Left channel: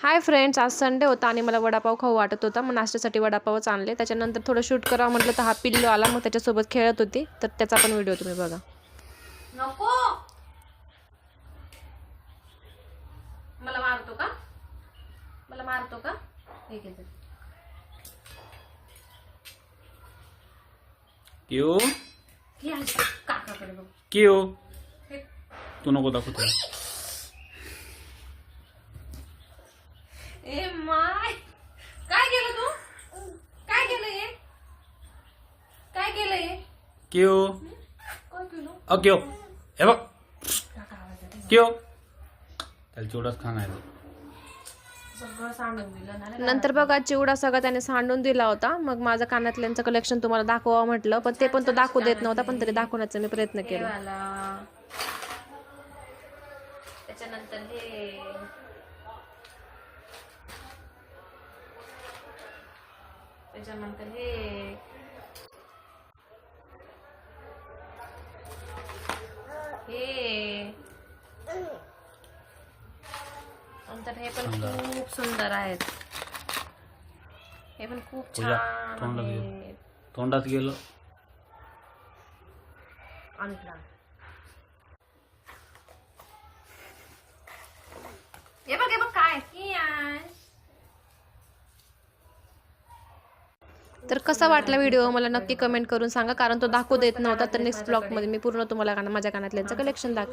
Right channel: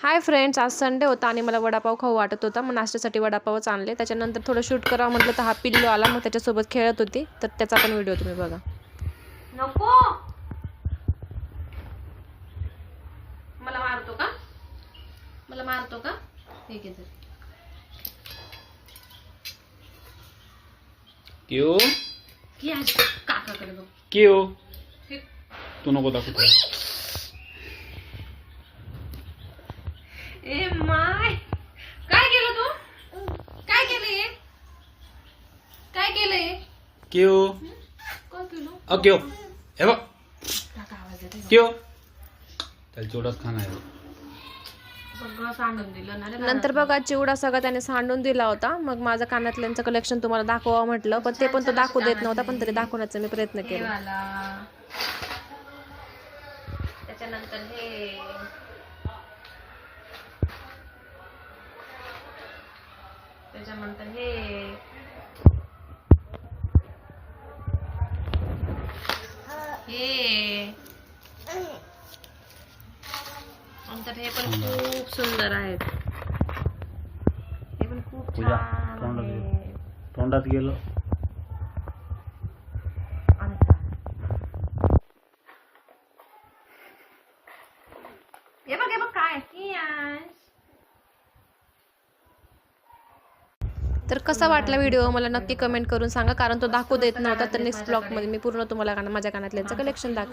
Hi friends, आज Sunday होता आणि मला वडापाव खाऊ वाटत होता. मग नाश्त्यासाठी वडापावच आणले. त्याच्यानंतर थोडं शूट करावं म्हटलं तर हा पिल्लू आला, मग त्याच्यासोबत खेळत होती. तर त्याचा पण व्हिडिओ तुम्ही बघा. नको, मला मारतो का? मला मारतो का? हे घे. क्यों की आज काकाकडे बघ. क्यों तू नको दाखवतो. ए माय, काय केलं तू? काय केलं हे? काय केलं हे? क्यों काय केलं? क्यों हे बघ काका आवाज येतोय. क्यों त्याला चिवडाच खाणार आहे. सगळं सांडून दिलं ना. नंतर बघा चिवडा सगळं त्याने सांडून दिला होता. मग माझं कानातल्यांचं कलेक्शन तुम्हाला दाखवावं म्हटलं, पण ते पण तो दाखवू देत नव्हता. पण तरी दाखवण्याचा मी प्रयत्न केला. त्याच्यानंतर हे, त्याच्यानंतर हे, हे, नंतर हे पण खूप सुंदर आहेत. हे पण खूप पूजा छान तोंडात आहे. गेलं, तोंडात गेलं. हे बघ काय की आहे. तर कसा वाटला व्हिडिओ मला नक्की कमेंट करून सांगा, कारण तो दाखवू देत नव्हता. तर नेक्स्ट ब्लॉगमध्ये मी पूर्ण तुम्हाला माझ्या कानातल्यांचं कलेक्शन दाखव.